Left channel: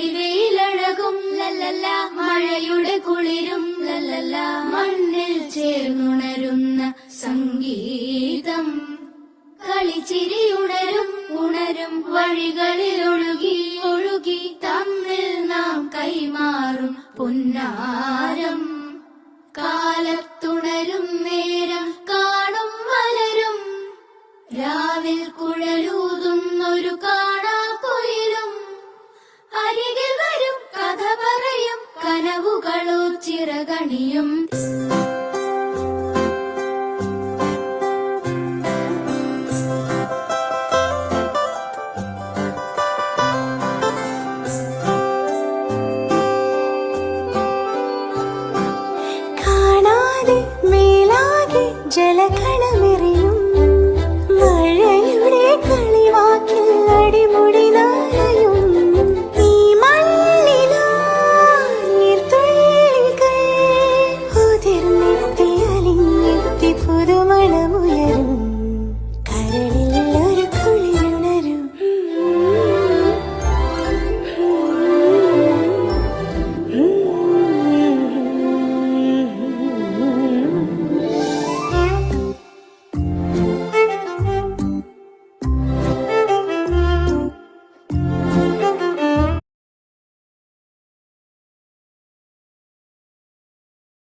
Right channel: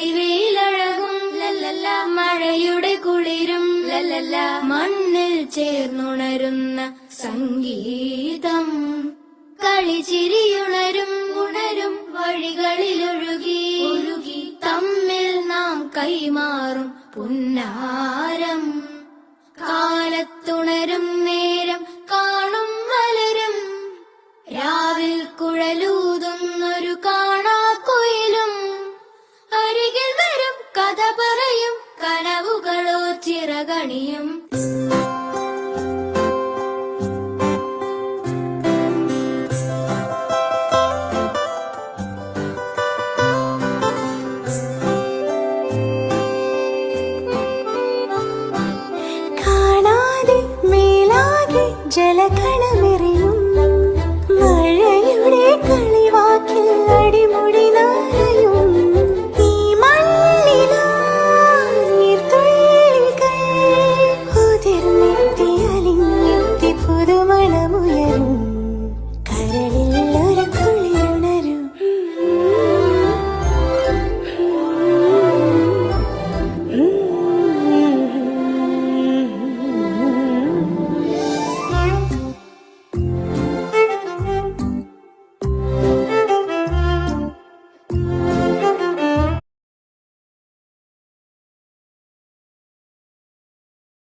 പൊഴിവയിലഴകും ലല്ലല്ല, മഴയുടെ കുളിരും ലല്ലല്ല, മണ്ണിൽ ചേർന്നുണരുന്ന സംഗീതം. കളിച്ചിരിയുണരും ഉണരും വഴികളിലൊഴുകി ഒഴുകി തമ്മിൽ നാം കൈമാറും പുന്നാരം. കാലത്തുണരും നേരം കാണും മലരും, രാവിൽ കുഴലൂതുന്നൊരു കാണാക്കുയിലും. അരികിൽ വരും കഥ പറയും കനവുകളോ ചിറകണിയും. ജലകണമെറിയും മഴയുടെ കളിവാക്കിൽ അടിമുടി നാളയും. ഈ മണ്ണിലാ നീർത്തുള്ളികൾ ഉതിർന്നെത്തി അലിഞ്ഞെത്തി പുതുമണമുയരും.